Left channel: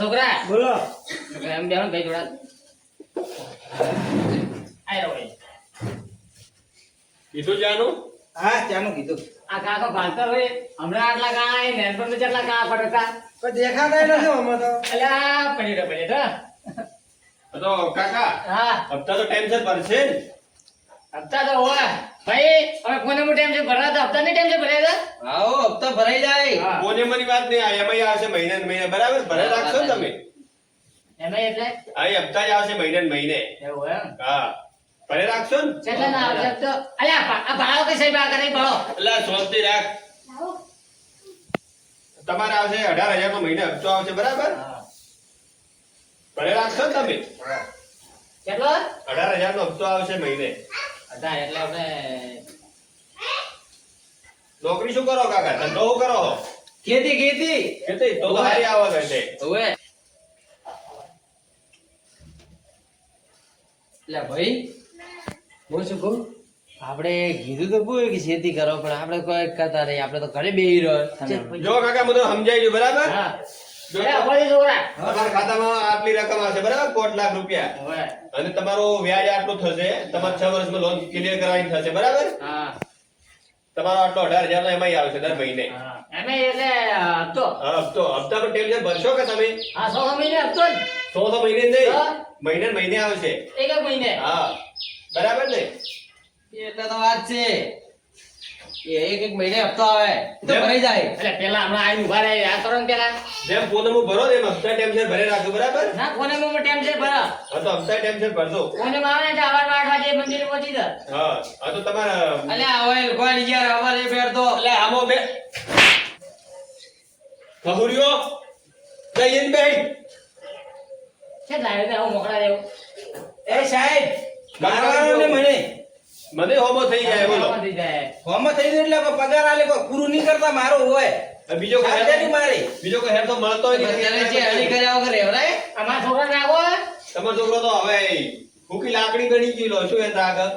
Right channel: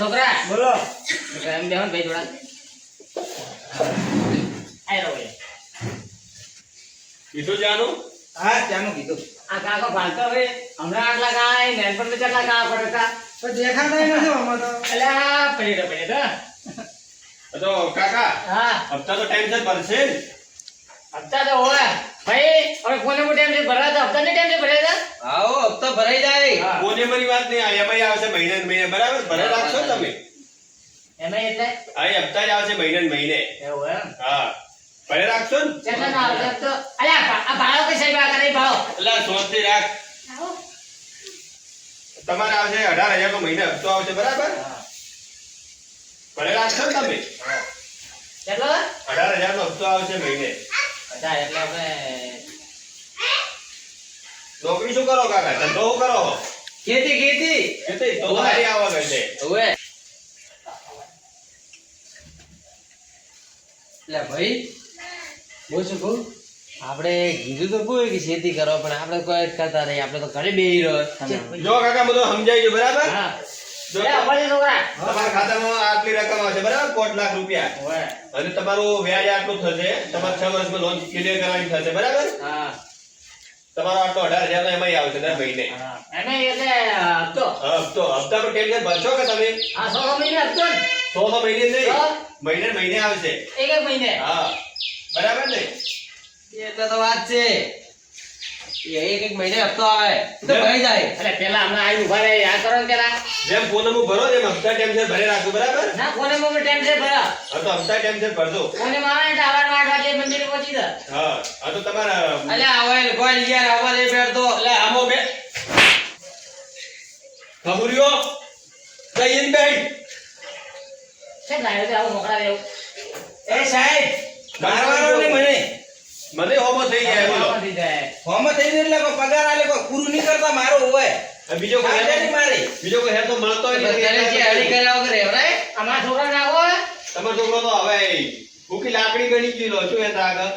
છોકરા બોલો. એમ બેહો ને ભાઈ થોડા આય રો ભાઈ કીધું જાનું હા ચાનું કીધું. આ કાકો ભાલતો હવે હમણાં આટલા કાય નેનપણ ને કેટલા કા પડતા પણ દેખાતા નથી આમાં તો. અલ્યા પડી તો તો કાકા હા હપ્તા તો ટાઈમસર ભરશે ને? હપ્તા તો હોય ભાઈ હવે કોને મો ટાઈમ છે ભરા તો હપ્તા ને ટાઈમ છે ભરાય તા આવો હપ્તા ભરાઈ જાય. હા કોને મારી વાત નહીં, આ એમાંય આવશે મહિને ને મહિને, બરાબર? ભરે રાખશો ને તમે? એમાં એટલે આ એ હપ્તા જ આવશે મહિને ને મહિને. એવું એમ હા, ભરે રાખશો ને? કેટલા ના આવશે તો અલ્યા આ ભાડો કઈ સાહેબ આ કરે ભાડો એટલે શાંતિ રાખ. તમારે આવશે 18,000 નો મહિને હપ્તો આવશે, બરાબર? ભરે રાખશો ને તમે? કેટલો 18,000 નો હપ્તો આવશે મહિને. અચ્છા એટલે આપણે નોકરી શું કરો કાકા? ધંધો શું કરો? ખેતી ખેતી. ખેતી? તો સારી આવક હશે. ઓવે. લે ભાઈ બોલ શું કહું, આપણે કીધું તો બોલ કે ખેતી કરો, પણ આપણે કોઈ કરતા નહીં, આપણે તો ઘરે બેહી રહ્યો. જો કાકા બધું સમજાઈ ગયું, બરાબર? હા એ અમારી છોકરા તમારા ખાતામાં આટલી રકમ આવશે, બરાબર? 5 લાખ રૂપિયા. હોય અને તમારું વ્યાજ આટલું થશે. તમારે 6 વર્ષમાં લોન ક્લિયર કરવાની થશે, બરાબર? હા તમારો આટલો 18,000 નો એમાંય આવશે દર મહિને. હા એમે એટલે હપ્તો હા, હપ્તા પર ટેન્શન ભરશો કે તમે? હા 100 મહિને હપ્તો ને 100 મહિને નહીં, હા. મહિને ને મહિને આવશે. એક મહિને હા, બરાબર ને? એટલે તો વાત છે, એક એક મહિને હપ્તો આવે તો ભરાઈ જાય. એટલે પેલા હમણાં આઈ ઉભા રહે આ કરો ને પેલા જેમ પૂનમ ભરો એમ હપ્તા ટેન્શન ભરે રાખો, બરાબર? ના કોને મો ટાઈમ છે ભરા હા, તો હપ્તા ટેન્શન ભરજો. કોને માં આવે એટલે આવાર 8 વાગે મંદિરે પહોંચી જા હા, હા, તો તમારા અલ્યા હવે કોઈ યાર આવા લે બેઠતો. એટલે આમો બે ખબુરીઓ જઈને બેઠ. છે લાવે તે આવું મોકળા દેવ એ સાહેબ મારવાનો ને મને મને હોમો થઈ જાય, બોલો. હોમ થઈ ગયું એટલે કોઈ પગાર આલે કોઈ પૂરું નહીં કરતા મારો હોય. હવે બીજો કોઈ આજે નહીં મારે બીજો કોઈ હેર તો મળતો હોય અત્યારે જે હળી નહીં. કર્યા વગર રહેવરાય. અમારા છોકરાને આવો તમારો છોકરો તો હવે ભૂખી લાકડી ગણી ગયેલો શું એ આગળ.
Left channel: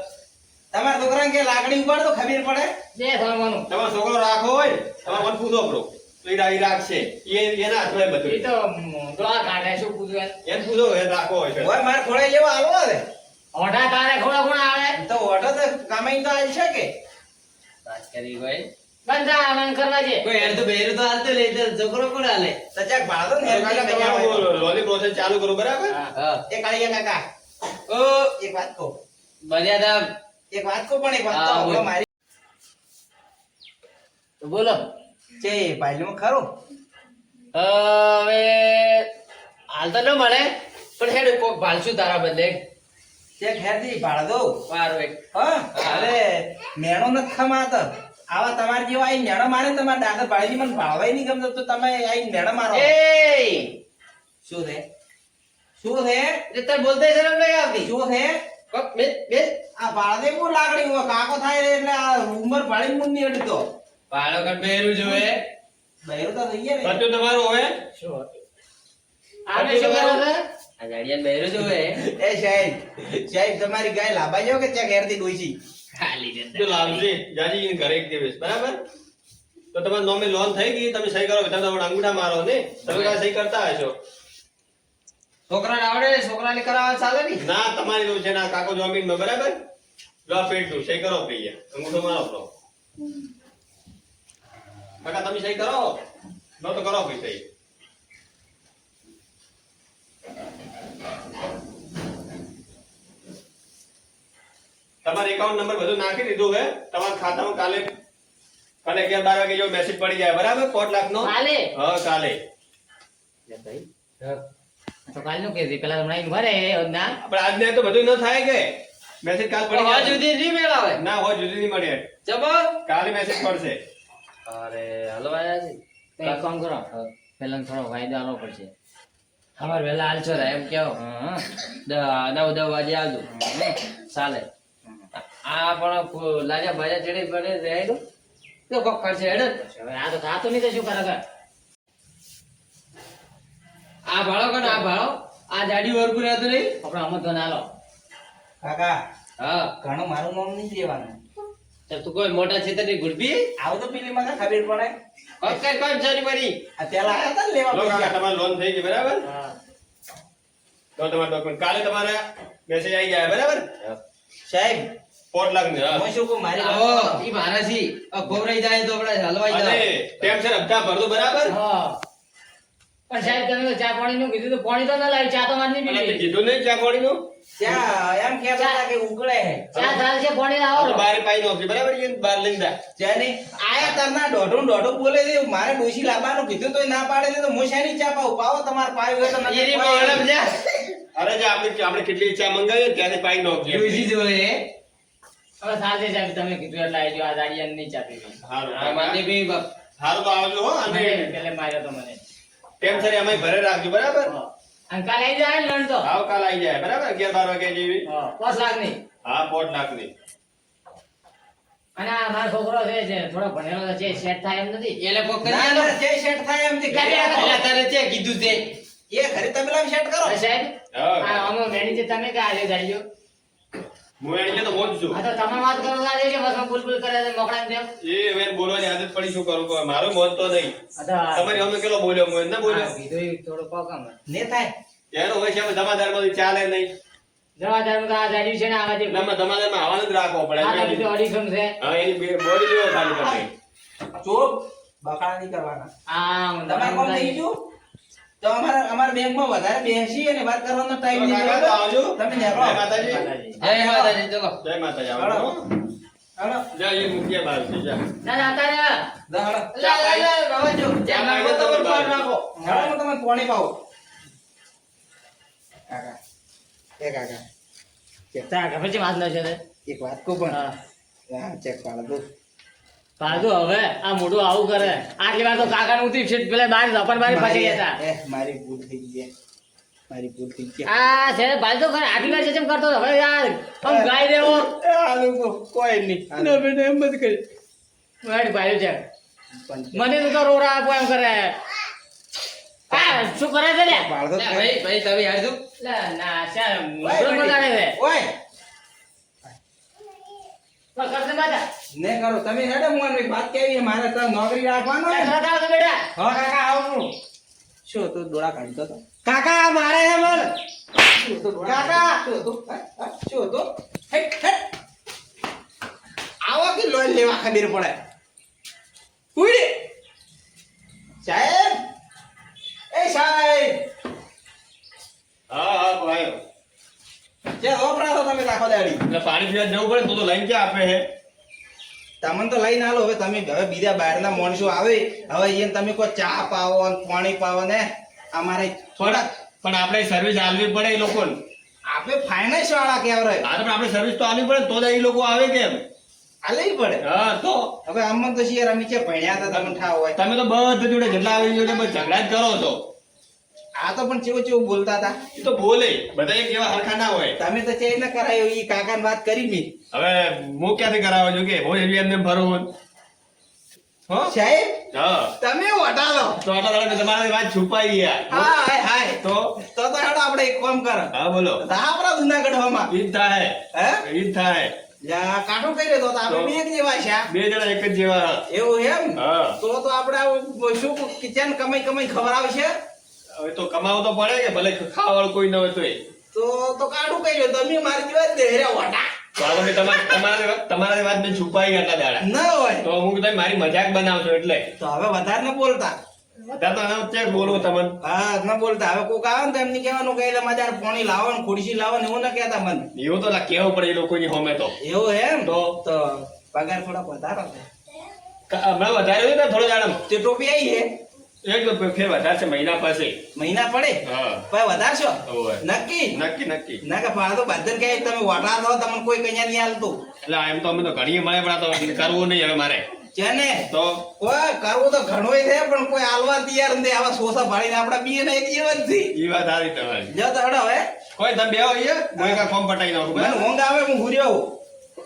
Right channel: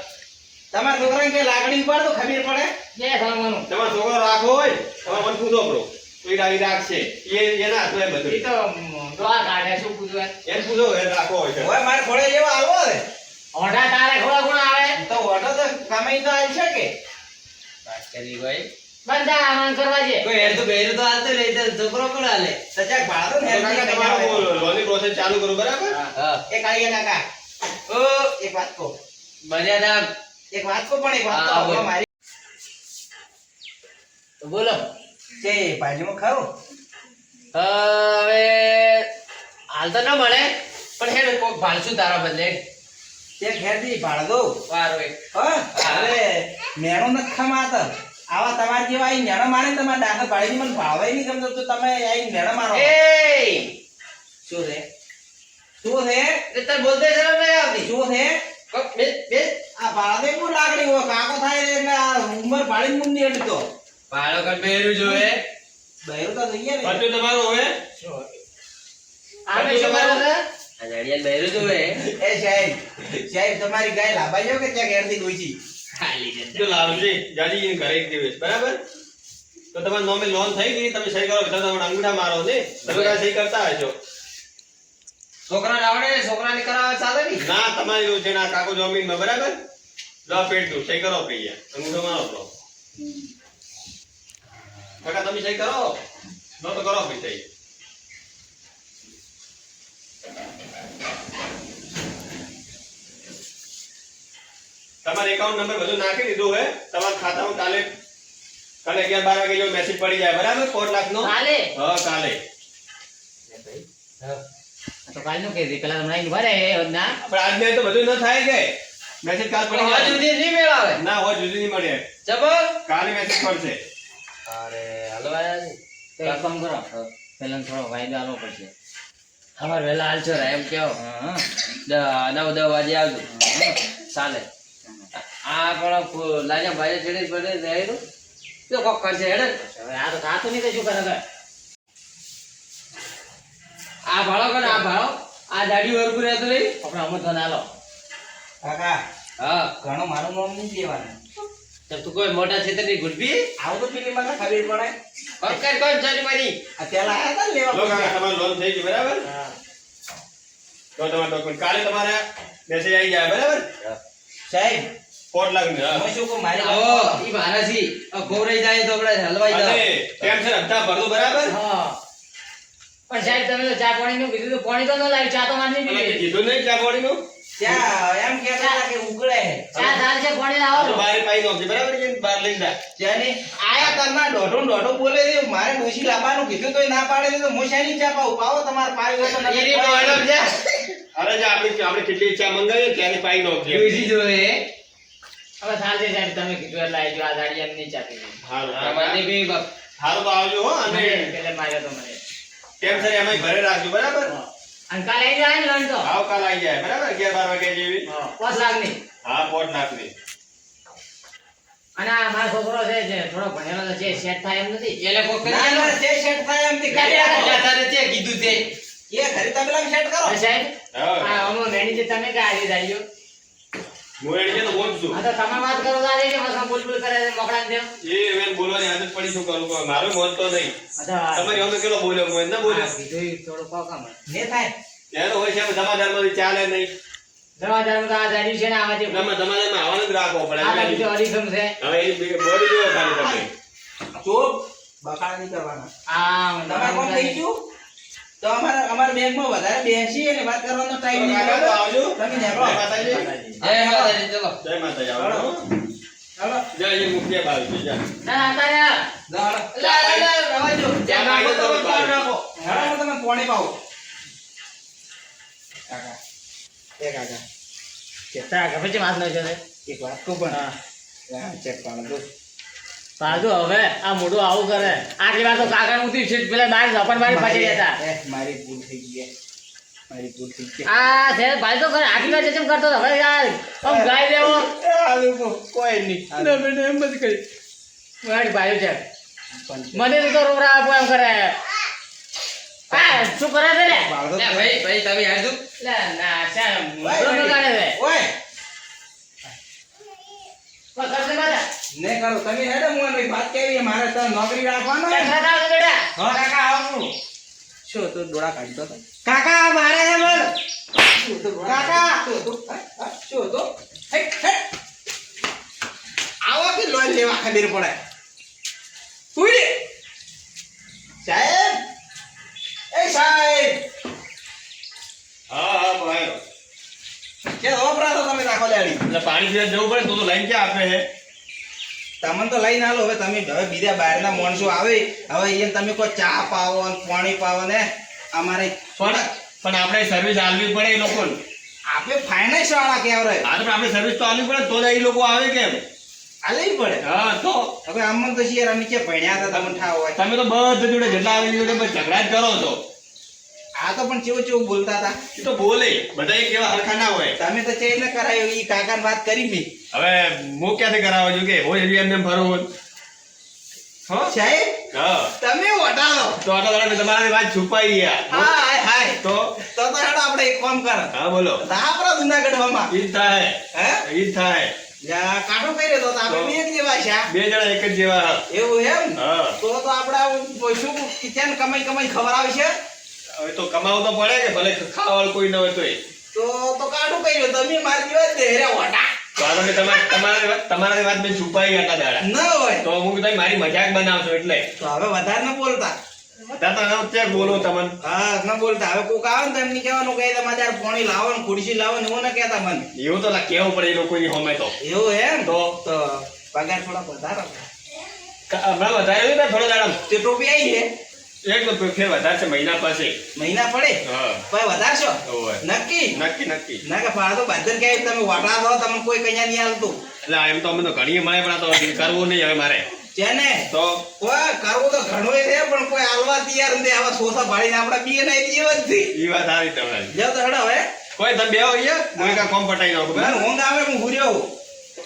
તમારા છોકરાને કે લાગણી ઉપર તો ખબર પડે. જે થવાનું તમારો છોકરો રાખો હોય તમારે મન પૂછો પડો તો એ રાખશે. એના હાથમાં એ એ બધું તો દોડા કાઢે શું પૂછવું એને પૂછો એ રાખો હોય છે. હોય મારે ખોળે જેવો આલો હવે ઓઢા તારે ખોળા કોણ આવે તો ઓટો તો કમાઈ તો આવી શકે. વાત કરી ભાઈ બંધા આમાં કરવા છે કોઈ હેર તો બેરું તો હાલતો લે તો છોકરો કોણ હાલે સચાક ભાડો ને હેર કાકા તમારું લોની પ્રોસેસ ચાલુ કરો, બરાબર? હા એ કાળિયા કાકા ઓ એક વાત કહો મર્યાદા એક વાત કહો પણ એક વાત હા, કહો બોલ. મારી તો બોલો કે બાજુમાં ખરું હવે હાલ તો ન મળે પણ હેડ કોક ભાલશું તારા બદલે તે ખેરથી ભાડ દો વારો એક હા હવે મેણો ન ખમાત આવા તમાર જેવા આઈ મેણો મારે ને તમાર ડાંગર ભાડી મને ભાવાય નહીં ગમતો તો તમે આઈ મેણો મારો એ શું છે શું છે એટલે તને બોલતે શરમ નહીં આવતી શું છે કોક બે બે આ ભાડે બહુ લાગણી હોય કાકો થાય એટલે આ ઉંમર ભાડી મું નહીં અડતો ભાડો કર બેરું જોવે બહેરું તો થઈ ગયા ને બધું તમારું હવે શું આમે શું કરો છો આ જડિયાન બહેરું જોવે એ સાહેબ તમારી ગાય લાંબા જાવ કે ત્યાં ઘેરથી ડોઈસી ખાલી જશે જો લાલજી જાજીજીને ઘરે એક દિવસ, બરાબર? તો તમારા નામે લોન થઈ ગઈ, તમે સહી કરો, તમે તમારા અંગૂઠા મારો ને તમે કાંઈ સહી કરતા હશો. છોકરાને આવડે છોકરાને કરાવે ચાલે ને ના, તમારી એવું છે ના કાકો જમીનમાં, બરાબર? લો પેટ દઉં, સહી કરો ભૈયા, અંગૂઠો મારો તો કાકા તમે સહી કરો, લો તો કરો ભાઈ સહી. તમારે એકાઉન્ટ નંબર બધું નાખી દીધું હે તમારા ખાતામાં. કાલે 11-12 વાગે જો મેસેજ પડી જાય, બરાબર? 5 લાખ નો. કાલે હા, કાલે. લે ભાઈ તો કાલ નું કહી દે પેલા તમને આઈને ભરે ના પણ આજને તો બધું ન થાય કે મેસેજ કાલ પડી હજુ જાય. સુધી નહીં મેળાવે ના હોય જુદી નહીં મળે, જબર કાલે મેસેજ પડશે. અરે હલવાયા છે તો એક કામ કરો પેલા થોડો વાયદો આલવો પડશે ખબર વેલા હાલશો રે એમ કેવો 9-10 વાગે આવજો ચાલે આ પણ લાજા ભાઈ ચડે પડે રહે તો કોક કરશે હેડે હવે આ તો થાતું નહીં તો શું કરે આ ભાડો કોને આ ભાડો આ દાડી વર્ગું રહેતો નહીં આપણે અમત ગણ આલો કાકા હા ઘણો મારું નામ નહીં દેવાનું તો તું કોઈ મોટા ક્ષેત્રની ગુડબી આવું તો પેલી મને ખબર પડે કોણ ચાલી મારી આ પેલા આયા હતા ને લો લેવા કાકા તમારી લોન થઈ ગઈ બરાબર હા તો તમારા ડોક્યુમેન્ટ કાલે તમારે મેસેજ આવી જાય બરાબર સાહેબ 4 લાખ ની હું શું કહું મારી આવો વાત ઈ મારાથી ગોવરાઈ જાય તો આપણે હલવાઈ અને જાય ટેન્શન હપ્તા ભરતો બરાબર હા પણ સાહેબ તમે તો ચા પાણીનું કીધું તો પાણી તો ન લાવી ચા તો મારી અને પીવી કીધું નહીં ચા પાણીનું ત્યાં એમ કહેતા હતા કે ઉકળે ચા ચાલશે પાણી લાવો તો બહાર પાઈ નોખી બરાબર છે બહાર લઈને જા જેને આયા તમને દોઢો બોલે છે મારે ડોશી લાવવાનું કીધું તોય ના પાડે તો હું શાની ચા પાઉં પાવો તમારે પાયું હોય તો નથી એની પાયું. મેડમ જા અરે જે આપણે કેટલી ચા મંગાવીએ ત્યારે પાઈ નોખી ડોશી જોડે હવે ચાલશે સાહેબ તમે કીધું એટલે આવજો આ દાડી એમ નહીં ચા પીવી હારું આ માની કાકા. બી બાપ હારું તો આવજો હો અને એટલે માર્યો તો મને ટેન્શન એમાંય ભરે રાખજો બરાબર હા. અને કાલે આવી જાય ને લોન તો આવ કાલ આવી જાય બરાબર 11-12 વાગે જેવી હા 5 લાખની હા 4 લાખ ની અને આ મારો છોકરો છે જે થોડો ભણેલો તો છે સેટ થાય એમ નથી એને કોક કરી ના આલો. ના જે સેટ થાય એમથી ઘરે એટલે આવો. એટલે તારે છે કીધું તે એ ઘરે તમે લાવી સેટ કરો હા, સાહેબ હા આ અમો મેણી જે તમે કે આજે દાડીઓ હું એને તો બોલ છું હા તો તમે વાત કરો તો આજે કે બસ આમ બુલબુલ કરે છે મોકળા ને જેમ એ હવે બોલવાની આદત પડી શું કરું કહો. મારો મોત તો નહીં હા તો તમારી અમે કેટલો બોલ્યો હું ના બોલ્યો કીધું ઈ થોડું કોકમ ને થાય એનો હોય છે જમાદારમાંથી ચાલે નહીં જવાદાર તો આ દાડી છે ને આવા જે તમે જમાદારમાં આવવાનું જ રાખવો પડે આ દાડી તો અડીખમ છે હવે એની બોડી જેવો ખાલી તમે ચોપ બકાળા નહીં કરવાના આ તમારે કોમ થઈ ગયું તો અમારા બેંકમાં વધારે બેસી અને વાત કરવાનો ટાઈમ નહીં કાકા તો બરાબર? આવજો તમે જય નીકળો. માતાજી જય માતાજી ચલો જય માતાજી આવજો હો. હાલો. જય એ મુખ્ય બાજુ છે જા. ના ના અત્યારે જા, હાલો. લા લા લા બાબા જો ચા પાઈ દો તમે બહાર. હાલો, હું તમને પાણી પાઉં. કાકા એ કાકા તારા ઘર પછી વાત ન છે એક વાત કહું પણ હા હા, ચેક પાડો બહુ. પાછું હવે આ મોઢું આવું કરે આટલી વાર તો કાકા ઉતરી છે પેલા બાર ઝપન બારી પાછી હતા મારી ભૂલ થઈ ગઈ મારી ભૂલ થઈ ગઈ આ છે ભાઈ તો ખરે આટલી વાર જેમ કરતો હતો ભાઈ યાર આમ ગાય દેવો કોઈ નહીં એમ બધી કરી મારી ભાઈ છે પણ મને તો રોડા આપો એમ કરે આ શું કરે છે લે બાળકો લે ભાઈ ભાઈ તમે આવજો લે ના છે મોઢું ન કાઢે છે ઓય બસ કરશે બાજા ને કરો તમે હેડો હું એની વાત કેવી મારે તો નોકરી રાખવાનો લે ને. કાકા તો બેટા હા કાકા આવું શું તું ડોળા કાઢતો હતો કાકા મારે હે મન શું તું કાકા શું તું શું તું હે હે આવો કે લોન લેવા ખબર પડે ઉઈ સાહેબ એ સાહેબ હા હા ભાઈ કે ઓપરાતો તમે રાખો દાડી એટલે પાણી પીવા જવું પડે તો લાઈન ક્યાં આપે છે તમને તો લઈને આલો હવે તમે હવે બીજા બહારના માણસો આવે હવે એને તમે કોઈ ચા પાવો અને પાણી પાવો ને અમારે પણ આપણે સર્વિસ આલવી પડે એ લોકોને આપણે ફાઇનાન્સ વાળા કહેવાય હા તો આપણે સર્વિસ તો આલવી પડે તો જ એ લોકો આવે કેમ આ લઈ પડે હા તો હવે આમાં તો શિયાર અમે કે ભણ્યા હતા તમને ઠાવ હોય તમે તો બધા જોડે જેટલા આવે એ જોડે બસ ઝઘડા જ કરો છો આ તો પણ કેવું કેવું બોલતા હતા એ તો બોલે બધા એક જેવા હરખા ના હોય તમે તો ચેક ને કરાયો ઈ કાકાને વાત કરી મી હવે હું ક્યાંથી કરાવવા છું કે હું એમને ભરવું હો સાહેબ હા તમે વટાવો તો આટલા દાડા મેં તમારાથી વાત છુપાઈ ગયા હાય હાય તો તો હેડો આપણે એક કામ કર હા બોલો આપણા જુનાગઢમાં ઈ જ થાય હે ઈ જ થાય યા કાઢો કર્યો તો આપણે બે એક જેવા છે બે જણા એક જ જેવા એવું એમ હા તો આપણે આવું શું કિચન કમાઈ ખબર છે હવે તો કમાવું તો પડે કે ભલે ખાવાવાળું કોઈ ન હોય તોય તો કાઢું કર્યો તમે મારી જેવા જ દેહર્યા વટા તો આ તમે તમારી વાત મેં છુપાઈ આટલા દાડા ન હોય તો હું તમે મારી મજાક બનાવશો એટલે તો હવે વધારે ન બોલતા બધા તો ચેક બોલું તમને હા ન બોલતા હવે કોક આવે ને તો એમને કહેવાનું કે તમારે યાર પાણી લાવો ને ખુરશી લાવો ને એવું ન કહેતા મને એવું તો કેવું પડે એ લોકોની હોમે તો એવું એમ તો પગાર થોડા વધારો હમણાં વધારે હોય ને થોડો દાડા તે ટોપી આવી છે એટલો ફેર વધારે છે મહિના પાસે મહિના પડે હા પછી વધારશો ઓવે. નક્કી નક્કી નક્કી ના કે પાડો બાદર કે તમે વટા દો તમને કોઈ કઈ નહીં હાલતું એટલે એમ તો અમે તો ઘણી મળે પણ આ તો કરવું નહીં હવે મારે છે ને તો કોઈ કરવું તો ઘણું છે પણ કોઈ હાલવા તૈયાર નથી આવા સોસા ભાડીને આપડા બી ને જીવ જ થી એ વાત સારી તમારી જો તો હડો હવે કોઈ તમે બે અહીંયા હું કા ફોર્મ પટાઈ નાખું મને બરાબર? ઊંઘ આવે હું હુર્યો હોઉં.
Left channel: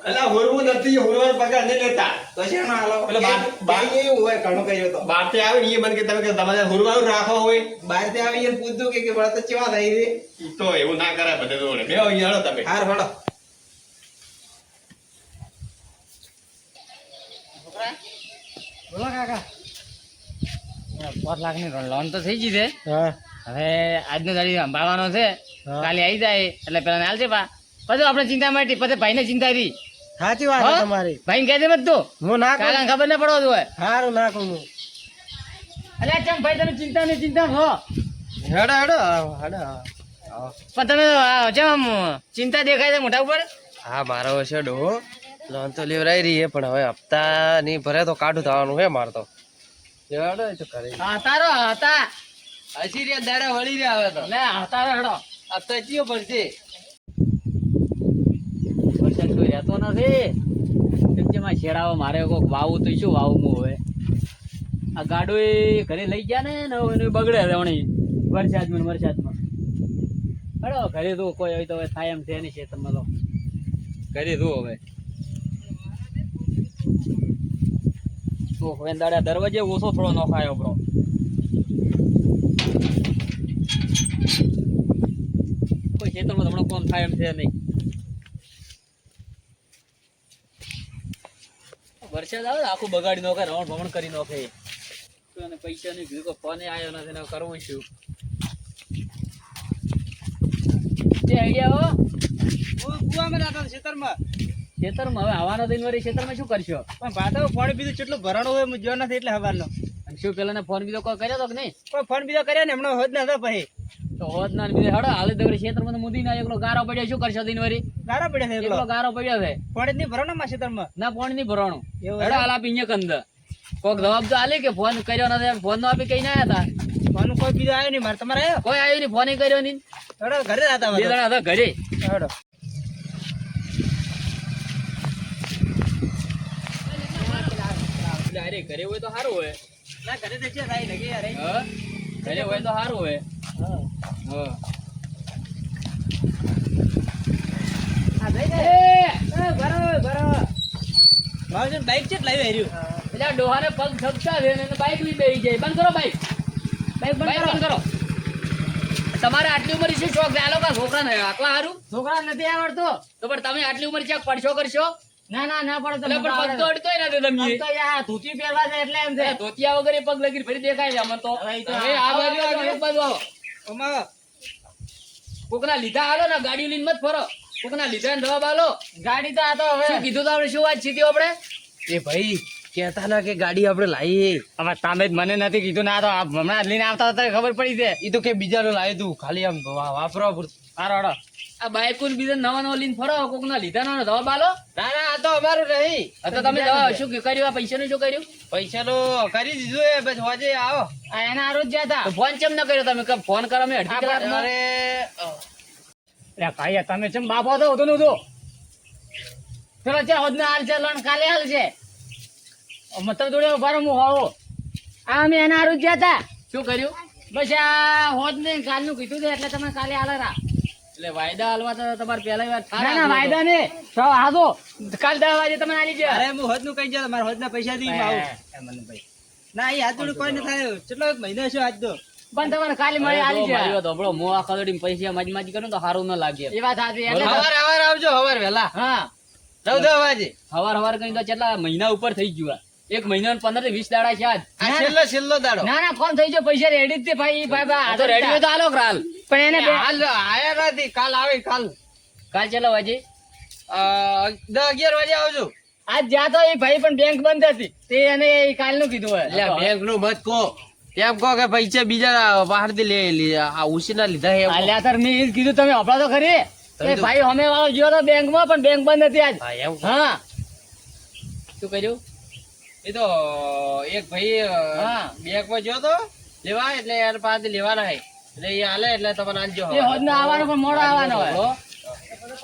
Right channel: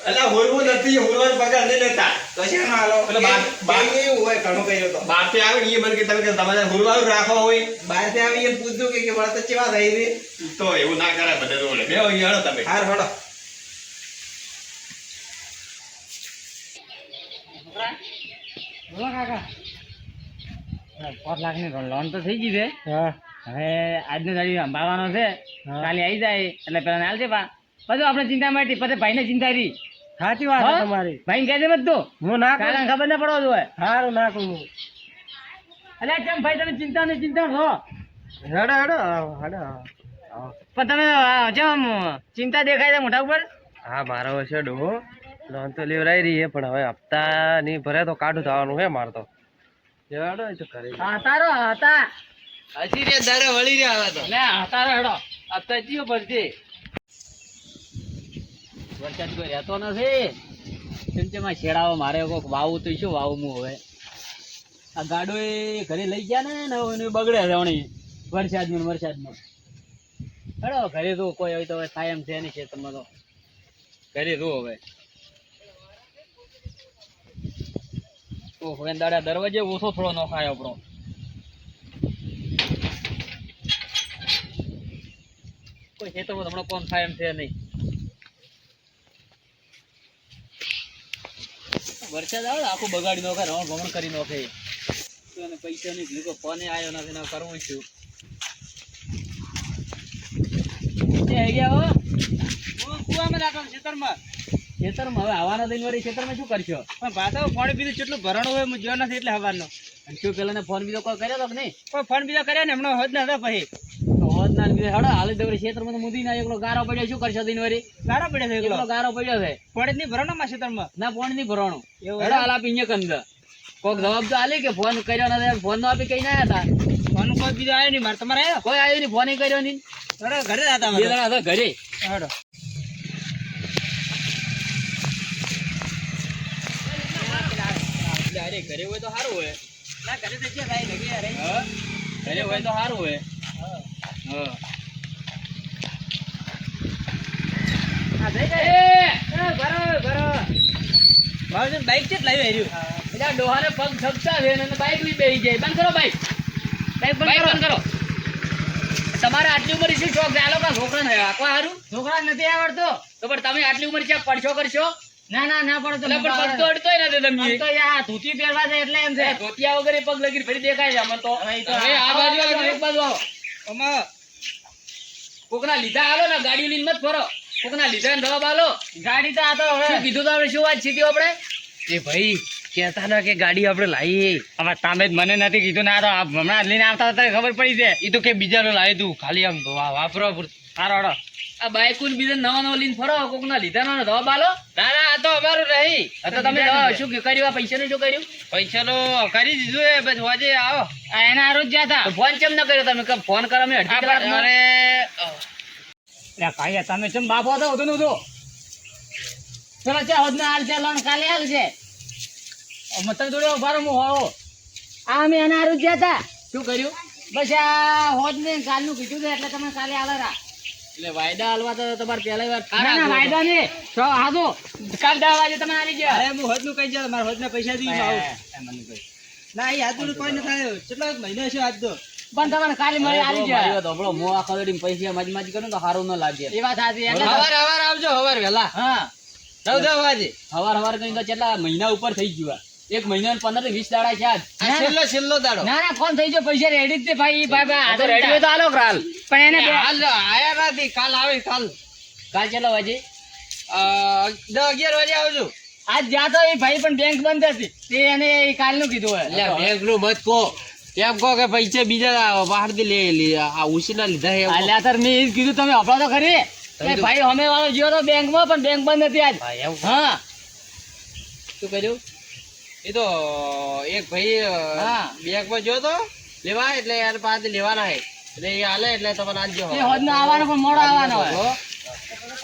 એટલે હોરવું નથી હોરવાનો પગાર નહીં લેતા તો છે નો હાલો એટલે બાર- એવું હોય ઘણું કર્યો તો બહારથી આવે ને એ મને કે તમે કે તમારે હોરવાનું રાખો હોય બહાર થી આવી એને પૂછ્યું કે વળત ચેવા થઈ છે તો એવું ના કરાય બધે જોડે બે અહીંયા હેડો તમે હાર હડો બોલો કાકા 5 લાખની લોન તો થઈ ગઈ છે. હા હવે આજનો દાડી સંભાળવાનો છે. હા. કાલે આવી જાય એટલે પેલા હાલ છે પા પછી આપણે ચિંતા માટે પછી ભાઈને ચિંતા રહી. સાચી વાત છે તમારી. ભાઈ કહે દે મત તું હું ના કાલે ખબર ના પડવા જોઈએ. સારું નાખું હું. અલ્યા ચમ ભાઈ તમે ચિંતા ને ચિંતા હો હેડો હેડો હેડો. પણ તમે ચમ ચિંતા દેખાય છે મોઢા ઉપર. હા મારો છે ડો લોન તો લેવરાઈ રહી છે પણ હવે હપ્તા નહીં ભરે તો કાઢું થવાનું છે મારે તો. હેડો એ તો કરે. હા તારો હતા હસી રે દાડા વળી રહ્યા હવે તો. લે તારો હેડો હપ્તા જીઓ ભરશે. વરસાદ કોઈ રહેતો નથી. ટૂંકમાં શેડાવો મારે કોક વાવું તો શું વાવું હું હવે આ ગાડો એ ઘરે લઈ ગયા ને એને બગડે રવણી વરસાદમાં હેડો ઘરે તો કોઈ હોય તો હવે થાય એમ છે નહીં ખેતરમાં તો ઘરે તો હવે તો હવે દાડા દરવાજે ઓછો થોડો નોખાયો આપણો કોઈ ખેતરમાં હમણાં કોણ થાય એમ છે નહીં. વરસાદ આવે આખું બગાડી નાખે રવણ ભમણ કરી નાખે તો એને પૈસા નહીં કીધું ફોને આવ્યો નથી ને કરવું શું જે આઈડિયા હો કુવામાં નાખો ખેતરમાં. ખેતરમાં હવે આવવાના દિન વળી ખેતરમાં શું કરશો પણ ભાતા પાણી પીધું કેટલું ભરણું હોય હું જોયો નથી એટલે હવારનો. અને શું પેલા ફોન બીજો કોઈ કર્યો તો કે નહીં કોઈ ફોન બીજા કર્યા ને હમણાં હોદ ના હતા પછી તો હોત ના બીજો હડો હાલે દવરી ખેતરમાં તો મુદી ના એકલો ગારો પડ્યો શું કરશો દિન વળી ગારો પડે છે એકલો ગારો પડ્યો છે પાણી નહીં ભરણો માં ખેતરમાં. ના પાણી નહીં ભરવાનું એવું હેડો હાલ આપી અહીંયા કંદ કોક જવાબ તો આલી કે ફોન કર્યો નથી ફોન નો આપી કઈ ના હતા ફોન કોઈ બીજો આવ્યો નહીં મારે તમારે આવ્યો. કોઈ આવ્યું નહીં ફોન કર્યો નહીં હેડો ઘરે જ હતા બે અમે. જણા હતા ઘરે હેડો. એટલે અરે ઘરે હોય તો સારું હોય ના ઘરે તો છે ભાઈ લગી યાર. હા ઘરે હોય તો સારું હોય હા. હા આ જઈ જાય બરો મારું બાઈક છે લાવી આવ્યું. એટલે ડોહાને પગ થકતા છે અને બાઈક લઈ બેસી જાય બંધ કરો બાઈક બંધ કરો તમારે આટલી ઉંમર શું શોખ છે આ લોકો છોકરા ને આટલા સારું છોકરા નથી આવડતો તો પણ તમે આટલી ઉંમર ક્યાંક પડશો કરશો ના પડતો એટલે પણ પગ તો અડતોય નથી તમે તો યાર ધોતી પહેરવા છે એટલે એમ છે ધોતિયા વગર એ પગ લગી ફરી દેખાય છે અમને તો હવે આ બાજુ આવો, એક બાજુ આવો અમાર કોકના લીધા હાલો ને ગાડી લઈને મત ફરો કોકના લીધા ને જવાબ હાલો ગાડી તો આ તો હવે શું કીધું તો આપણે શું વાત સીધી આપણે એ ભાઈ કહેતા ના કે ગાડી આપણે લાવી. હવે તમે જ મને નથી કીધું ને આ તો હમણાં લઈને આવતા હતા ખબર પડી છે એ તો કે બીજાનું લાવી દઉં ખાલી આમ વાપરવા પૂરતું. સારો હડો આ બાઈકુન બીજા નવા લઈને ફરો કોકના લીધા નો જવાબ હાલો ના ના આ તો અમારું નહીં. તો તમે શું કર્યું આ પૈસાનું શું કર્યું પૈસાનો કરી દીધું એ બસ હોજે આવો. આ એના આરોજ જ્યાં હતા તો ફોન કેમ ન કર્યો તમે કે ફોન કરો મેં અડધી કલાકમાં અરે ભાઈ તમે ચમ બાપો તો હતો નતો ચલો ચા હોદના હાલ છે લોન કાલે હાલ છે મતલબ જોડે ઉભા રહો હું હોવો આ અમે એના આરોજ જ્યાં હતા શું કર્યું બસ આ હોદ ને કાલનું કીધું છે એટલે તમે કાલે હાલરા એટલે વાયદા હાલવા તો તમારે પહેલા વાર ના વાયદા ને તો હાજો કાલ 10 વાગે તમે આવી ગયા અરે હું હોદ નું કઈ જાય મારા હોદ ના પૈસા દી આવું. ના એ હાથ કોઈ ન થાય કેટલો મહિનો છે આજ તો. પણ તમને કાલે મળી આવી ગયા મારી વાત સાંભળો મો આ ખડડી પૈસા માજી કરું તો સારું ન લાગે એ વાત સાચી હવાર આવજો હવાર વહેલા હા 9 વાગે. હવાર કરી તો કેટલા મહિના ઉપર થઈ ગયું એક મહિના 15 થી 20 દાડા છે આજ આ છેલ્લો દાડો. ના ફોન થઈ ગયો પૈસા રેડી જ છે ભાઈ આ તો રેડી હોય તો હાલો ક્રાલ પણ એને હાલ આયા નથી કાલ આવે કાલ કાલ ચલો વાજી 10-11 વાગે આવજો. આજ જ્યાં તો એ ભાઈ પણ બેંક બંધ હતી તે એને કાલનું કીધું હોય એટલે બેંક નું મત કહો કેમ કહો કે પૈસા બીજા બહાર થી આ ઉછીના લીધા છે એમ કહો. અલ્યા તાર મેં એ જ કીધું તમે આપડા તો ખરી એ ભાઈ અમે વાળો ગયો તો બેંકમાં પણ બેંક બંધ હતી આજ હા એમ કહો. હા શું કર્યું એ તો એક ભાઈ હા. બેંક માં જો તો લેવા એટલે યાર પાસે લેવાના હે એટલે એ હાલે એટલે તમને આજો એ હોદનો આવવાનો પણ મોડો આવવાનો હોય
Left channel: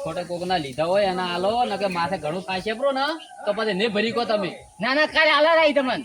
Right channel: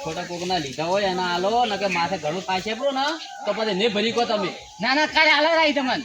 ખોટા કોકના લીધા હોય એના હાલો નકે માથે ઘણું પાછે પ્રો ને તો પછી ને ભરી કો તમે ના કાલે હાલો રાઈ તમને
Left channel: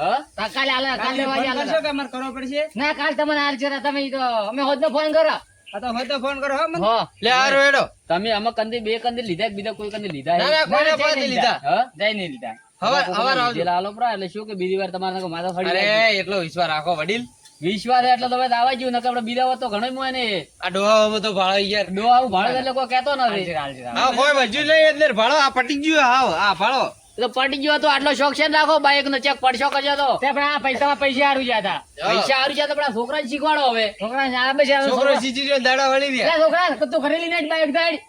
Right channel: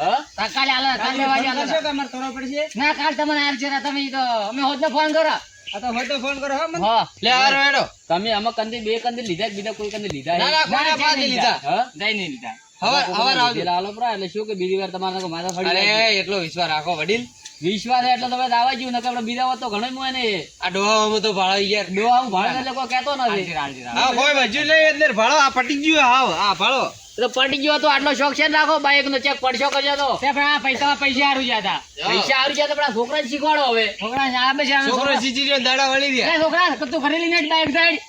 હા કાલે હાલો કાલે વાગે હાલો શું કામ કરવો પડશે. ના કાલ તમને હાલ છે તમે ઈ તો અમે હોદનો ફોન કરો આ તો હોય તો ફોન કરો હો મને. હા લે હારો હેડો. તમે આમાં કંદી બે કંદી લીધા કે બીજા કોઈ કંદી લીધા ના, ના, કોઈના પાસે લીધા. હા જઈ નહીં લીધા હવાર આવજો. હાલો પ્રા એટલે શું કે બીજી વાર તમારે માથા ફરી જાય. અરે એટલો વિશ્વાસ રાખો વડીલ. વિશ્વાસ એટલે તમે દાવા જ્યું નકર આપણે બીજા હોત તો ઘણો મોય ને આ ડોહામાં તો ભાળો યાર. ડોહા હું ભાડે એટલે કોઈ કહેતો નથી હા કોઈ મજૂર નહીં એટલે ભાળો આ પટી ગયું હાવ આ ભાળો તો પડી ગયો તો આટલો શોખ છે ને રાખો બાઈક નો ચેક પડશો કજો તો પૈસા હારું જતા પૈસા હારું જતા પણ આ છોકરાને શીખવાડો હવે છોકરો સીચી જો દાડા વળી ગયા છોકરા તું ઘરે લઈને બાઈક સાઈડ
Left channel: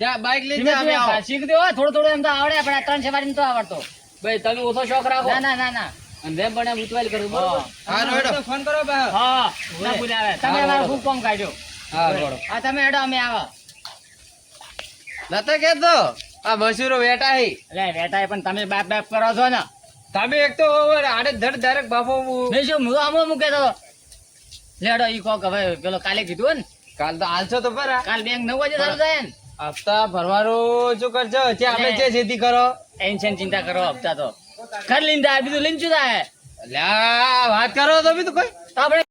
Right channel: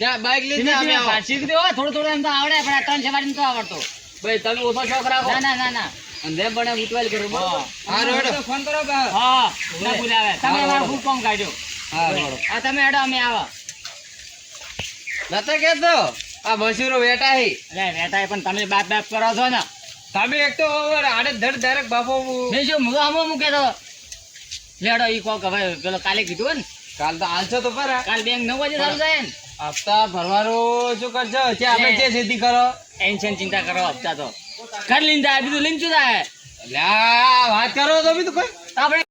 જા બાઈક લઈને જા અમે આવો. શીખ દે થોડું એમ તો આવડે પણ આ 3 સવારી તો આવડતો ભાઈ તમે ઓછો શોખ રાખો ના અને જેમ બને ઉતવાલ કરો બરોબર હારું હેડો ફોન કરો બા. હા ના બોલાવે તમે મારો ફૂલ કોમ કાઢ્યો હા બોલો. આ તમે હેડો અમે આવો નતો કેતો આ મસૂરો વેટા હી એટલે વેટાય પણ તમે બાપ કરો છો ને તમે એક તો ઓવર આડે ધડ ડાયરેક્ટ બાપો નહીં શું હું આમાં મૂકે તો લેડો ઈ કોક હવે પેલો કાલે કીધું ને કાલ તો આલશો તો પરા કાલ બેંક 9 વાગે ચાલુ થાય ને હપ્તા ભરવાનું શું કરજો છે આપણે જે ખેતી કરો ટેન્શન ચિંતા કરો હપ્તા તો ઘર લઈને જાય બીજું લઈને શું થાય લ્યા વાત કરો તો બી તો કોઈ આપણે